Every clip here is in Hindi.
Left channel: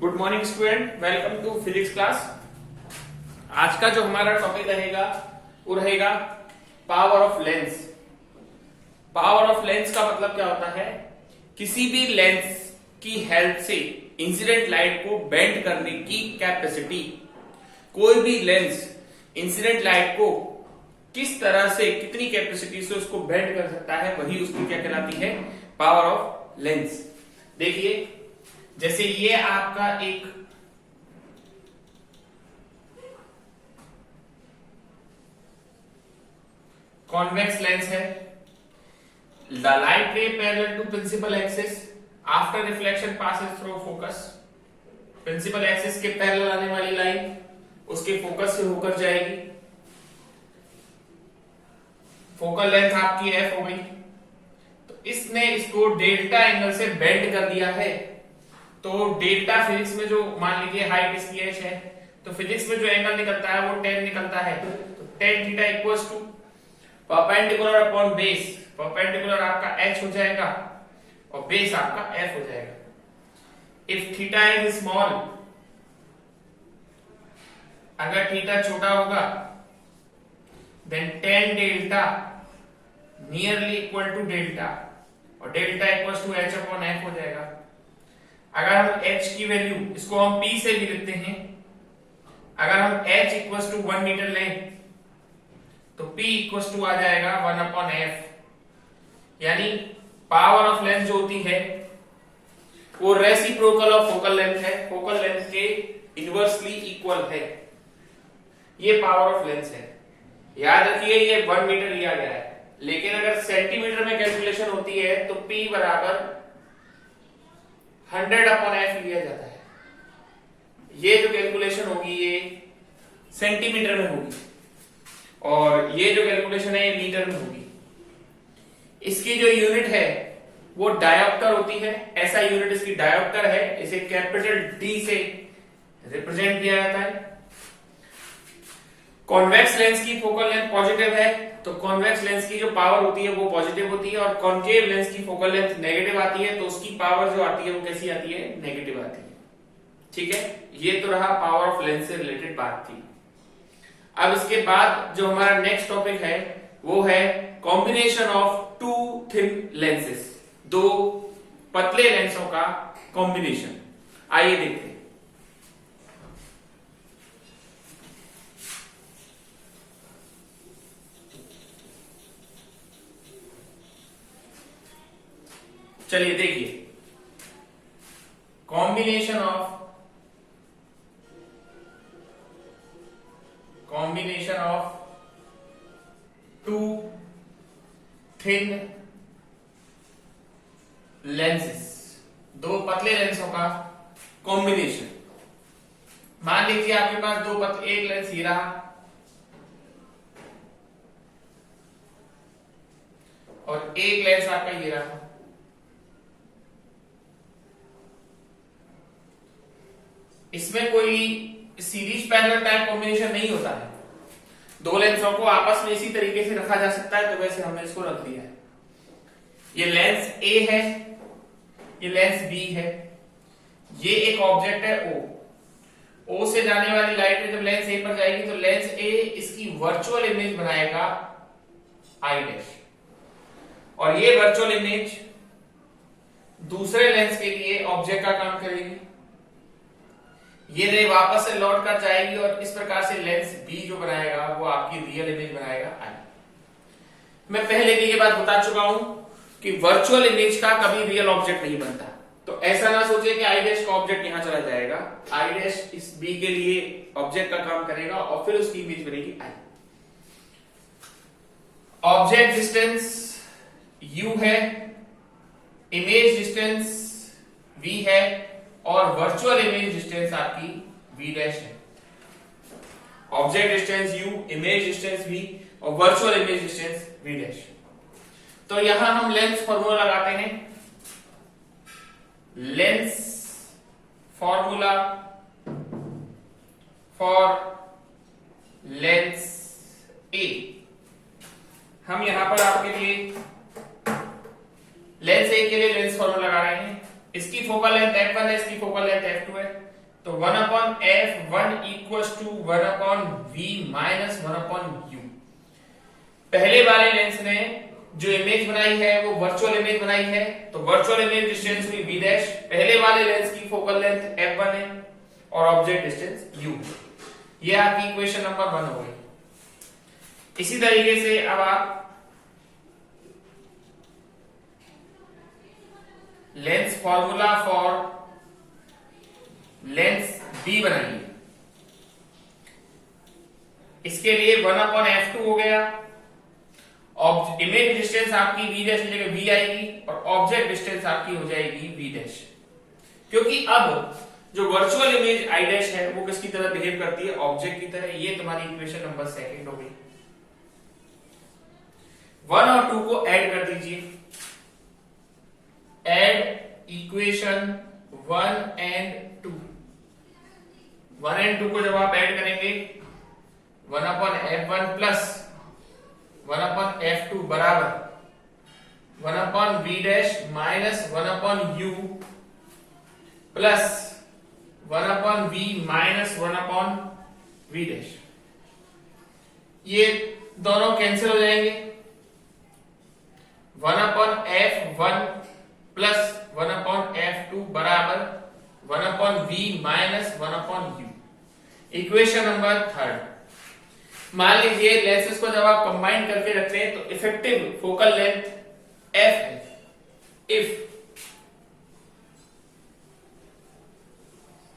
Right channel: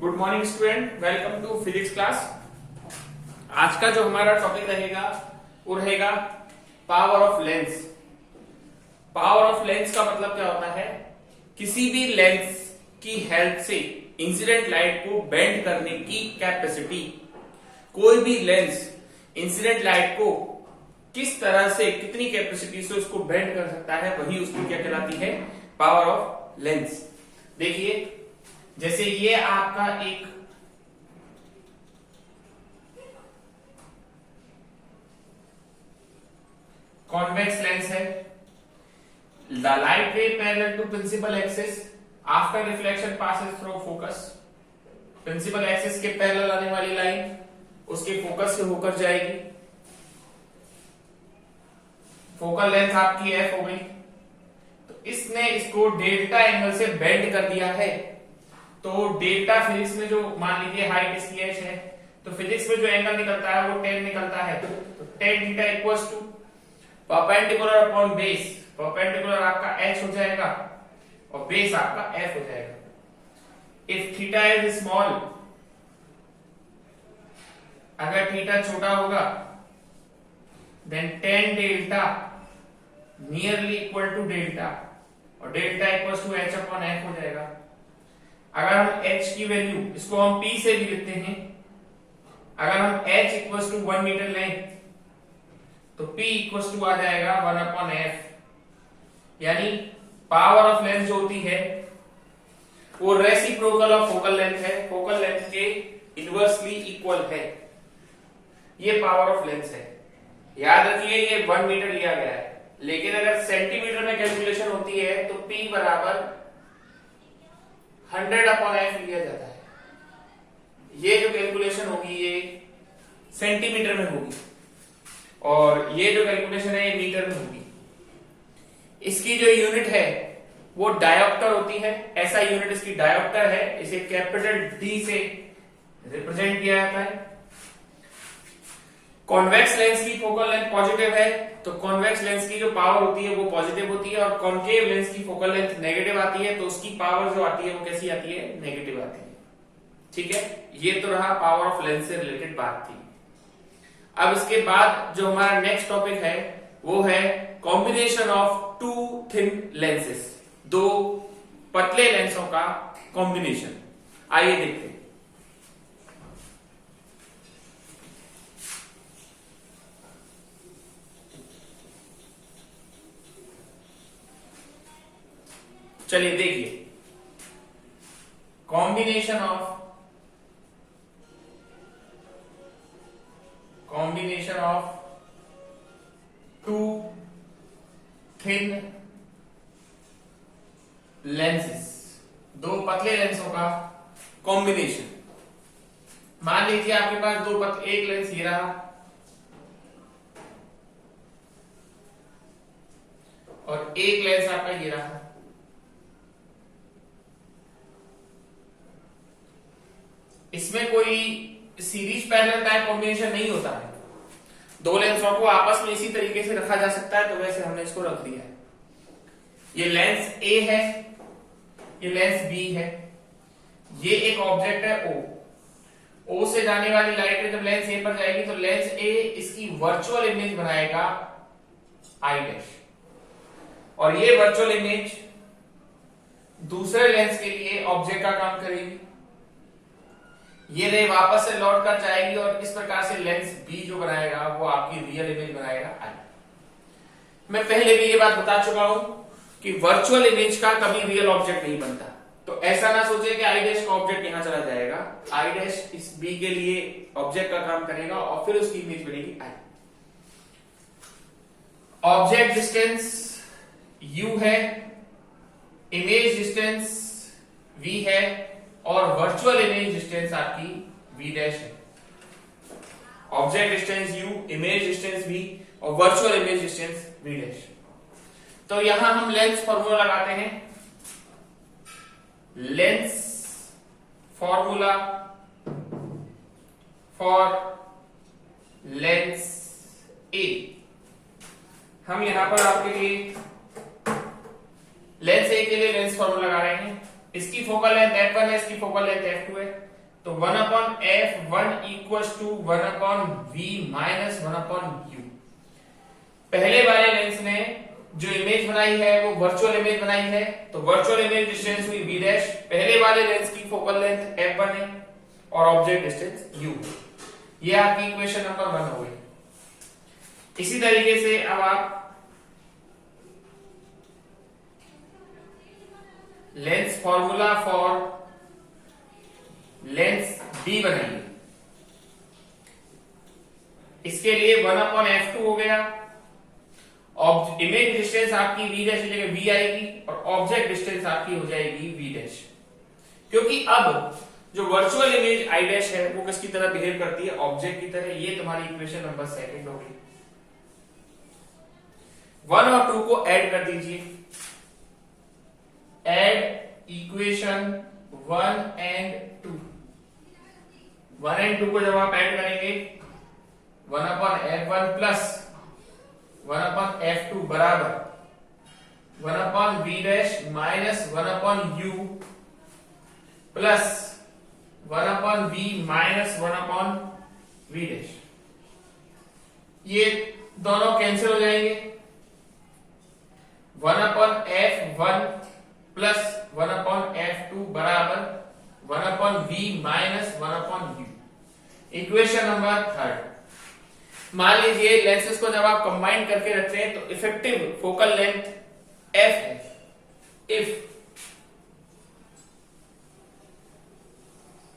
Good morning student, welcome to physics class. आज का जो हमारा टॉपिक रहेगा वो रहेगा power of lens. Power of lens का मतलब क्या होता है? किसी भी लेंस की हेल्प से इंसिडेंट लाइट को बेंड करने की कैपेसिटी। कोई भी लेंस इंसिडेंट लाइट को किस तरह से, कितनी कैपेसिटी से उसको बेंड कर सकता है, वही उसकी क्या कहलाती है? Power of lens. देखिए, जैसे ये आपका एक कॉन्वेक्स लेंस है। The light ray parallel to principal axis after reflection passes through focus. Principal axis के पैरेलल आने वाली लाइन उसके फोकस से होकर जाएगी। फोकल लेंथ आपकी एफ हो गई, तो इसने इसको डेल्टा एंगल से बेंड कर दिया है। तो डेल्टा फिजिक्स में जो, मान लीजिए हाइट इसकी h है, तो फिजिक्स में जो एंगल निकलता है वो tan निकलता है। तो tan theta equals to perpendicular upon base. Perpendicular आपका h हो जाएगा और बेस आपका f हो जाएगा। इफ थीटा इज स्मॉल, अगर थीटा छोटा होगा, then tan delta nearly equal to delta, और delta equals to h upon f हो जाएगा। अगर हम h की वैल्यू, इसको हम p से भी लिखते हैं, अगर हम h इक्वल्स टू 1 मीटर लें तो p इक्वल्स टू आ जाएगा 1 अपॉन f। यानी पावर ऑफ लेंस जो होती है वो रेसिप्रोकल ऑफ फोकल लेंथ है, फोकल लेंथ के इनवर्सली इक्वल है। ये पावर ऑफ लेंस है। याद रखिए, ये 1 मीटर लिया गया है, लेकिन अगर सेंटीमीटर में कैलकुलेशन होती है तो p बराबर 100 अपॉन f लिया जाता है। ये जो कैलकुलेशन होगी ये सेंटीमीटर में होगी, और ये जो कैलकुलेशन है ये मीटर में होगी। इसकी जो यूनिट है वो डायोप्टर होती है। ऐसा यूनिट इसकी डायोप्टर है। इसे कैपिटल D से रिप्रेजेंट किया जाता है। कॉन्वेक्स लेंस की फोकल लेंथ पॉजिटिव है, तो कॉन्वेक्स लेंस की जो पावर होती है वो पॉजिटिव होती है, और कॉन्केव लेंस की फोकल लेंथ नेगेटिव आती है, तो उसकी पावर जो आती है वो कैसी आती है? नेगेटिव आती है। ठीक है, ये तो रहा पावर ऑफ लेंस से रिलेटेड बात थी। अब इसके बाद जो हमारा नेक्स्ट टॉपिक है वो है combination of two thin lenses. दो पतले लेंसों का कॉम्बिनेशन। आइए देखते हैं। चलिए देखिए, combination of two thin lenses, दो पतले लेंसों का कॉम्बिनेशन। मान लीजिए आपके पास एक लेंस ही रहा और एक लेंस आपका ये रहा। इसमें कोई सीरीज पैरेलल टाइप कॉम्बिनेशन नहीं होता है। दो लेंसों को आपस में इसी तरीके से रखा जा सकता है, तो वैसे हमने इसको रख दिया है। ये लेंस A है, ये लेंस B है, ये एक ऑब्जेक्ट है O से जाने वाली लाइट में जब लेंस A पर जाएगी तो लेंस A इसकी वर्चुअल इमेज बनाएगा I', और ये वर्चुअल इमेज दूसरे लेंस के लिए ऑब्जेक्ट का काम करेगी। ये रे वापस से लौट कर जाएगी और इस प्रकार से लेंस B जो बनाएगा वो आपकी रियल इमेज बनाएगा I। मैं पहले भी ये बात बता चुका हूं कि वर्चुअल इमेज का कभी रियल ऑब्जेक्ट नहीं बनता। तो ऐसा ना सोचे कि I' का ऑब्जेक्ट यहां चला जाएगा। I' इस B के लिए ऑब्जेक्ट का काम करेगा और फिर उसकी इमेज बनेगी I। ऑब्जेक्ट डिस्टेंस U है, इमेज डिस्टेंस V है, और वर्चुअल इमेज डिस्टेंस आपकी V' है। Object distance U, image distance V और वर्चुअल इमेज डिस्टेंस V'। तो यहां हम लेंस फॉर्मूला लगाते हैं। Lens formula for Lenz A। हम यहां पर आपके लिए लेंस A के लिए लेंस फॉर्मूला लगा रहे हैं। इसकी फोकल लेंथ f1 है, इसकी फोकल लेंथ f2 है, तो 1/f1 equals to 1/v minus 1/u। पहले वाले लेंस ने जो इमेज बनाई है वो वर्चुअल इमेज बनाई है, तो वर्चुअल इमेज डिस्टेंस हुई v डैश, पहले वाले लेंस की फोकल लेंथ f1 है और ऑब्जेक्ट डिस्टेंस u। ये आपकी इक्वेशन नंबर 1 हो गई। इसी तरीके से अब आप lens formula for Lenz D बनाइए। इसके लिए 1/f2 हो गया, इमेज डिस्टेंस आपकी v डैश की जगह v आएगी और ऑब्जेक्ट डिस्टेंस आपकी हो जाएगी v डैश, क्योंकि अब जो वर्चुअल इमेज i डैश है वो किसकी तरह बिहेव करती है, ऑब्जेक्ट की तरह। ये तुम्हारी इक्वेशन नंबर 2 हो गई। 1 और 2 को ऐड कर दीजिए, ऐड इक्वेशन 1 एंड 2। 1 एंड 2 को जब आप ऐड करेंगे 1/f1 प्लस 1/f2 बराबर 1/v dash minus 1/u plus 1/v minus 1/v dash. ये दोनों कैंसिल हो जाएंगे। 1/f1 प्लस 1/f2 बराबर 1/v minus 1/u। Equation number 3। मान लीजिए लेंसेज को जब आप कंबाइन करके रखते हैं तो इफेक्टिव फोकल लेंथ f है। If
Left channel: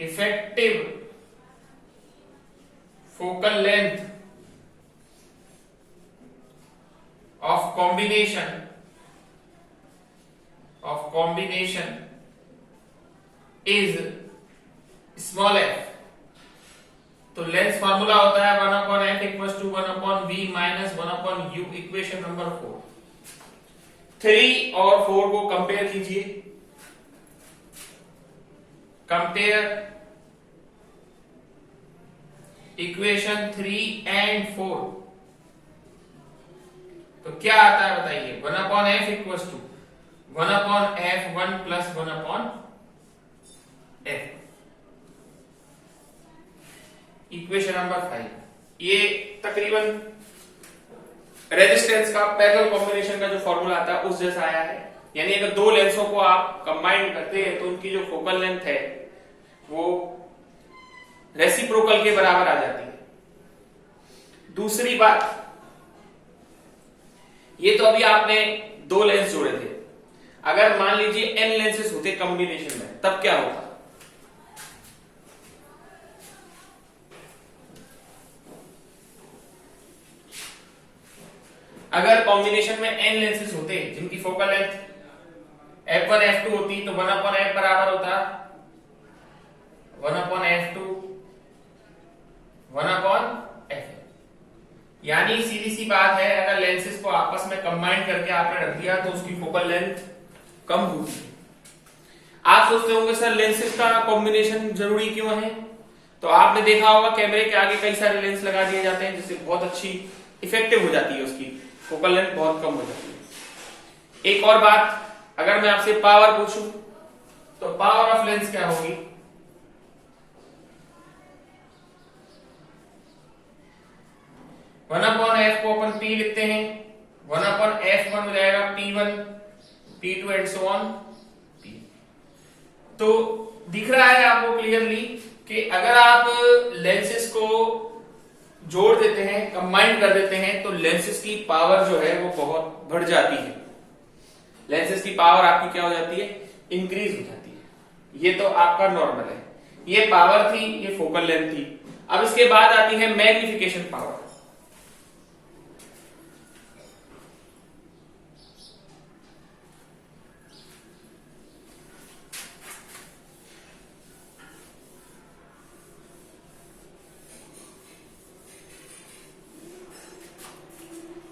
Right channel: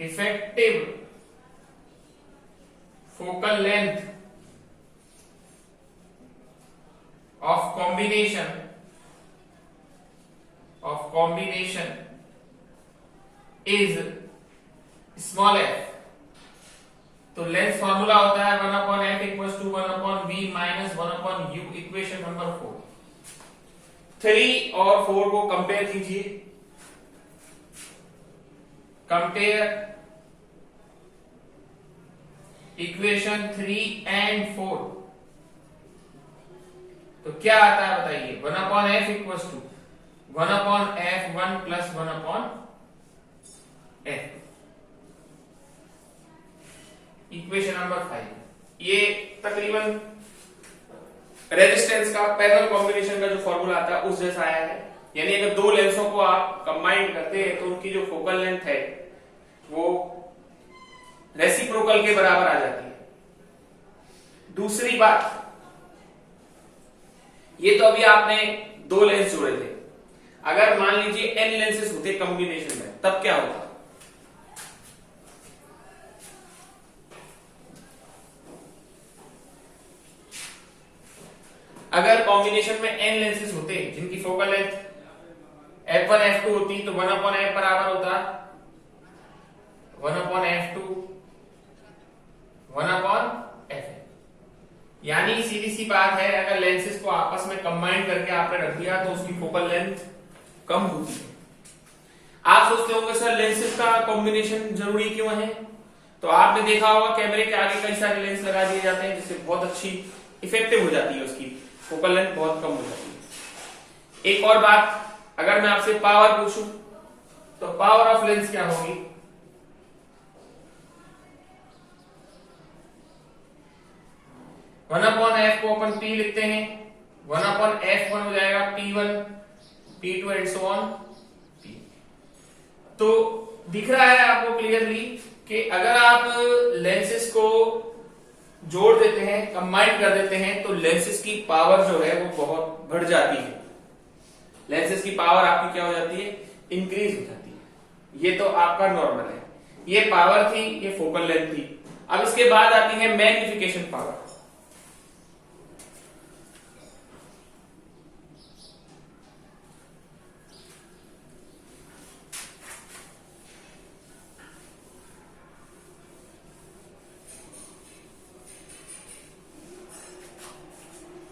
effective focal length of combination is small f, तो लेंस फॉर्मूला होता है 1/f equals to 1/v minus 1/u। Equation number 4। 3 और 4 को कंपेयर कीजिए। कंपेयर इक्वेशन 3 एंड 4, तो क्या आता है बताइए। 1/f equals to 1/f1 plus 1/f। Equation number 5। ये तकरीबन रेजिस्टेंस का पैरेलल कॉम्बिनेशन का जो फॉर्मूला आता है उस जैसा आया है। यानी अगर दो लेंसों को आप कंबाइन करते हैं तो उनकी जो फोकल लेंथ है वो रेसिप्रोकल के बराबर आ जाती है। दूसरी बात, ये तो अभी आपने दो लेंस जोड़े थे, अगर मान लीजिए n लेंसेस होते कॉम्बिनेशन में तब क्या होगा। अगर कॉम्बिनेशन में n लेंसेस होते जिनकी फोकल लेंथ f1 f2 होती तो 1/f बराबर होता 1/f2 1/f। यानी सीधी सी बात है, अगर लेंसेस को आपस में कंबाइन करके आपने रख दिया तो उसकी फोकल लेंथ कम होती है। आप सोचते होंगे सर लेंसेस का कॉम्बिनेशन जरूरी क्यों है, तो आपने देखा होगा कैमरे के आगे कई सारे लेंस लगा दिए जाते हैं जिससे बहुत अच्छी इफेक्टिव हो जाती है, उसकी फोकल लेंथ बहुत कम हो जाती है। एक और बात, अगर मैं आपसे पावर पूछूं तो पावर ऑफ लेंस क्या होगी। वन अपॉन एफ को अपन P लिखते हैं, 1/f1 हो जाएगा P1 P2 and so on P। तो दिख रहा है आपको क्लियरली कि अगर आप लेंसेस को जोड़ देते हैं, कंबाइन कर देते हैं तो लेंसेस की पावर जो है वो बहुत बढ़ जाती है। लेंसेस की पावर आपकी क्या हो जाती है, इंक्रीज हो जाती है। ये तो आपका नॉर्मल है, ये पावर थी, ये फोकल लेंथ थी। अब इसके बाद आती है मैग्निफिकेशन पावर।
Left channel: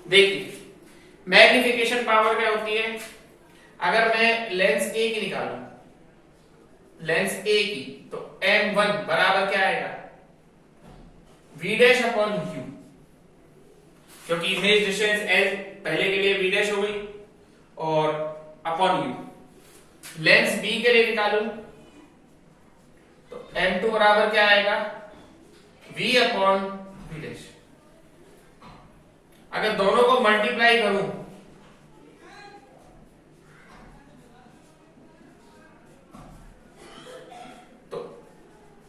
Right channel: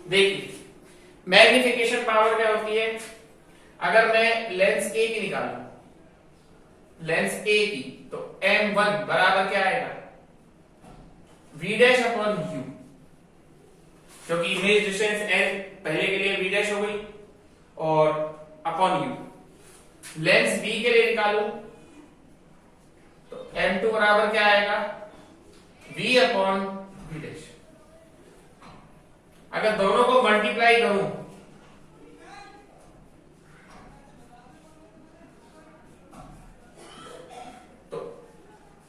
देखिए मैग्निफिकेशन पावर क्या होती है, अगर मैं लेंस ए की निकालूं, लेंस ए की, तो m1 बराबर क्या आएगा, v डैश अपॉन u, क्योंकि इमेज डिस्टेंस l पहले के लिए v डैश हो गई और अपॉन u। लेंस बी के लिए निकालू तो M2 बराबर क्या आएगा, V अपॉन V डैश। अगर दोनों को मल्टीप्लाई करूं तो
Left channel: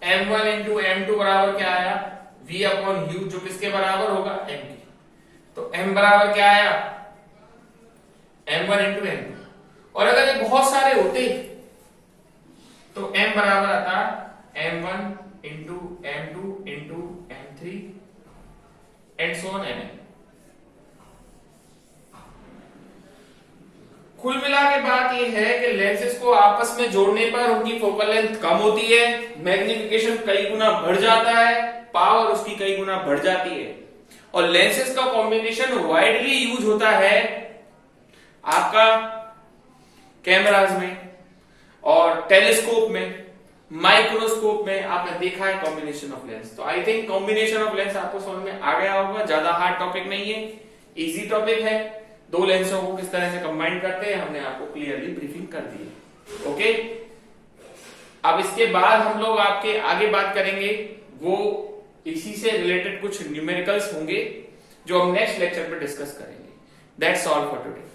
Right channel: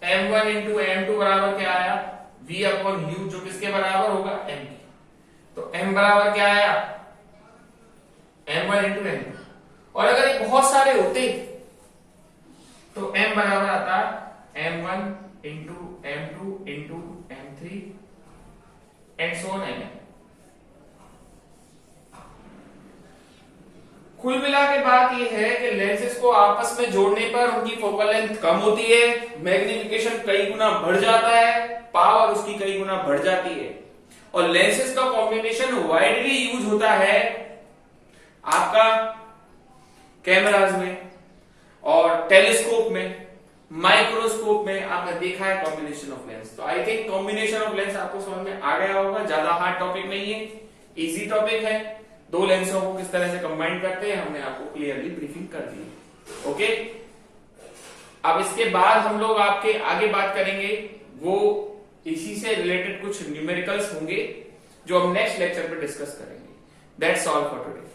M1 इंटू M2 बराबर क्या आया, V अपॉन U, जो किसके बराबर होगा, M की। तो M बराबर क्या आया, M1 इंटू M2। और अगर ये बहुत सारे होते तो M बराबर आता M1 into M2 into M3 and so on Mn। कुल मिला के बात यह है कि लेंसेज को आपस में जोड़ने पर उनकी फोकल लेंथ कम होती है, मैग्निफिकेशन कई गुना बढ़ जाता है, पावर उसकी कई गुना बढ़ जाती है। और लेंसेज का कॉम्बिनेशन वाइडली यूज होता है आपका कैमराज में और टेलीस्कोप में, माइक्रोस्कोप में आपने देखा है कॉम्बिनेशन ऑफ लेंस। तो I think combination of lens आपको समझ में आ गया होगा, ज्यादा हार्ड टॉपिक नहीं है, इजी टॉपिक है। दो लेंसों को किस तरह से कंबाइन करते हैं हमने आपको क्लियरली ब्रीफिंग कर दी है। ओके, अब इसके बाद हम लोग आपके आगे बात करेंगे, वो इसी से रिलेटेड कुछ न्यूमेरिकल्स होंगे जो हम नेक्स्ट लेक्चर में डिस्कस करेंगे। That's all for today.